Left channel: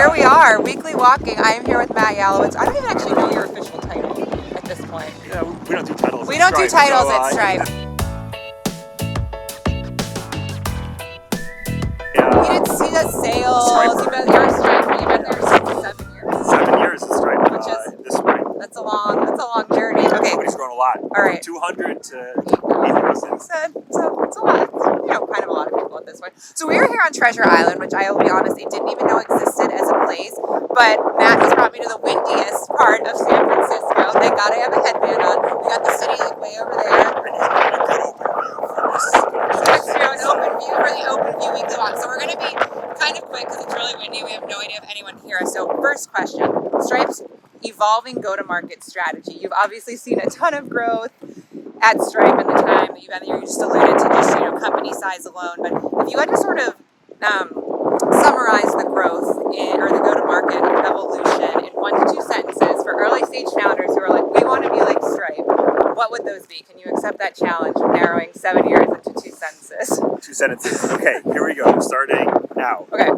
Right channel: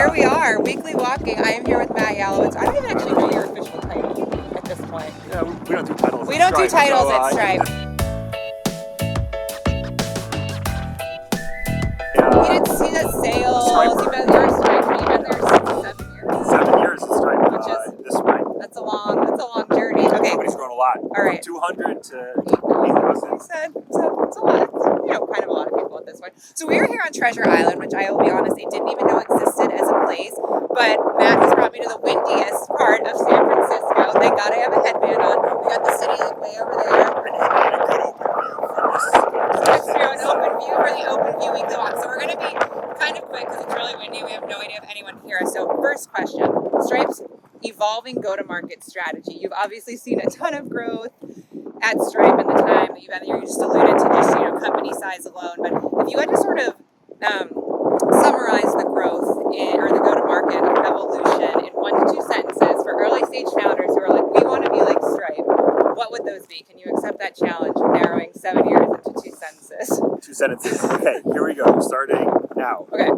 here we are, weekly walking. I am here with Matt Yalowitz. I don't even actually know your official title at this point. Yeah, we don't do titles. We don't do titles at Stripe. He does sales. You've been there at Stripe. You've been there 6-7 years. 7 years at Stripe. Which is this spring. That's a long journey. Okay. Company's grown a lot. All right. 200 to 8,000. So it's a lot. Kind of a lot of people at this point. So we are here on Treasure Island, which I will be honest, I didn't even know existed as a place. But Matt has brought me to the windiest part of San Francisco. Thank God I have a headband on. We got the city like way over there. And he's got a good open view for this. That's true, an open view for the OpenView weekly walk. So we're going to be kind of quick because it's really windy. We have no idea if anyone can hear us. So first question, Stripe's evolving go-to-market strategy. You've obviously seen a ton of growth at Stripe in the time that you've been there. You just alluded to just, company size alone. But if you had to sort of summarize the growth or the go-to-market evolution in 1 to 2 sentences for early stage founders who are like, we want to be like Stripe, what would those be? Can you accept that challenge of narrowing 7 years into 2 sentences? 2 sentences. Okay, here we go. Starting now. Okay.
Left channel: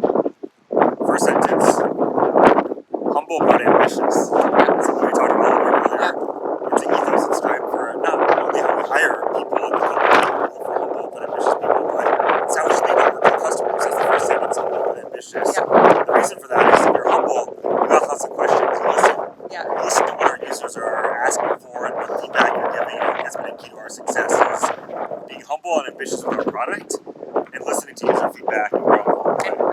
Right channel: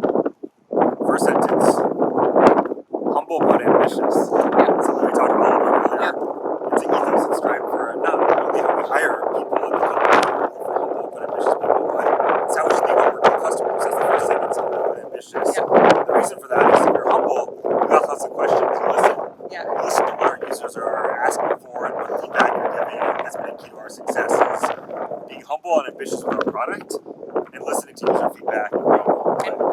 First sentence. Humble but ambitious. Yeah. Something we talked about a little bit earlier. Yeah. It's an ethos at Stripe for not only how we hire people at the company for humble but ambitious people, but it's how we speak up with customers. That's the first sentence, humble but ambitious. Yeah. The reason for that is if you're humble, you got lots of questions, you listen. Yeah. You listen to what our users are asking for and what feedback you're giving. That's been a key to our success is being humble and ambitious with our product and listening to user feedback and growing.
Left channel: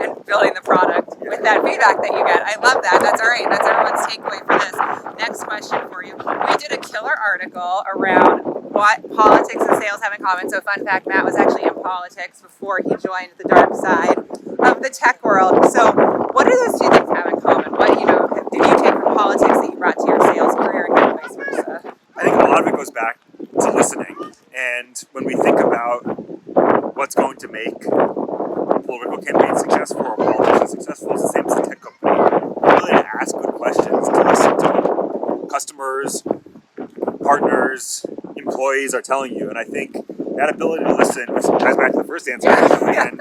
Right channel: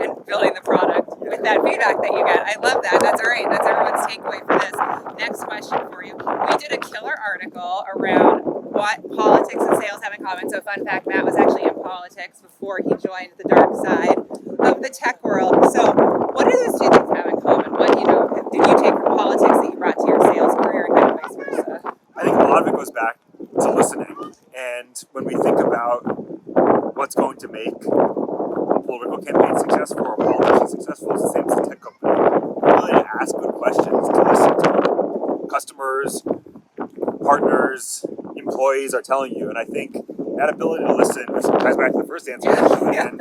And building the product with that feedback that you get. I love that. That's all right. That's everyone's takeaway for this. Next question for you. We did a killer article around what politics and sales have in common. So fun fact, Matt was actually in politics before he joined the dark side of the tech world. So what do those 2 things have in common? What, did you take from politics that you brought to your sales career and kind of vice versa? I think a lot of it goes back to listening. And when we think about what's going to make political campaigns successful or politicians successful, it's the same as the tech company. Really to ask good questions, to listen to what customers, partners, employees are telling you. And I think that ability to listen, which ties back to the first answer, and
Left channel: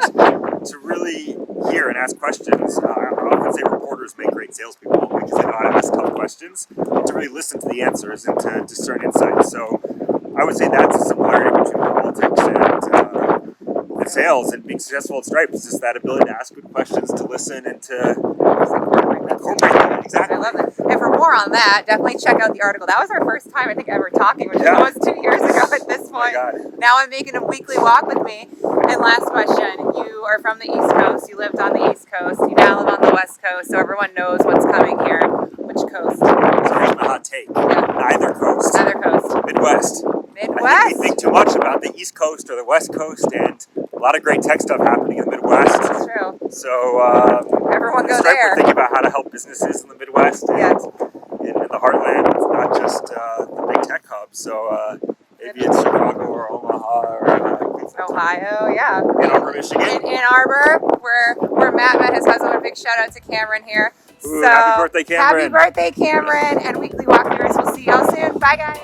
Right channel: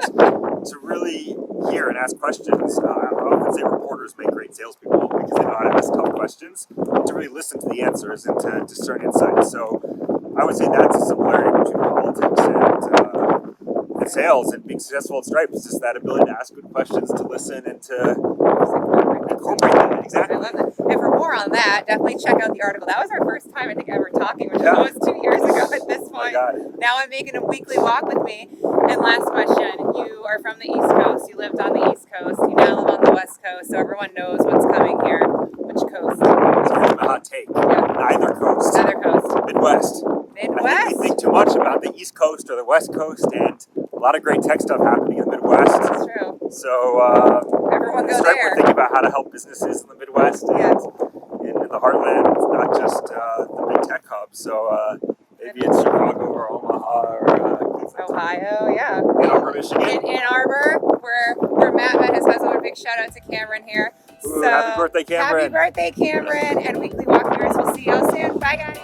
to really hear and ask questions. I often say reporters make great salespeople because they know how to ask tough questions and to really listen to the answers and to discern insights. So I would say that's a similarity between politics and sales and being successful at Stripe is just that ability to ask good questions, to listen, and to incorporate that. Exactly. I love it. And for more on that, definitely check out the article. That was our first time, I think, ever talking, which is almost 2 years ago at this point. Now I'm making a weekly walk with me. And last question, you are from the East Coast. You lived on the East Coast. You now live on the West Coast, so everyone knows what's coming here. Which coast? So here's my hot take. Yeah. Neither coast. Neither coast. Midwest. Midwest? I think we think too much about the East Coast or the West Coast, and a lot of great tech stuff happening in the Midwest. That's true. So everyone go Stripe, there. we're thinking about how to help businesses in the Midwest and in the heartland. It's not just the big tech hubs. So maybe it's Chicago or Omaha or Ohio, yeah. Ann Arbor, Michigan. In Ann Arbor, where Matt met his husband. A big shout out to Cameron here. Ooh, happy birthday, Cameron. Happy birthday, Cameron. And weekly walk viewers. We'll see y'all soon. Bye, guys.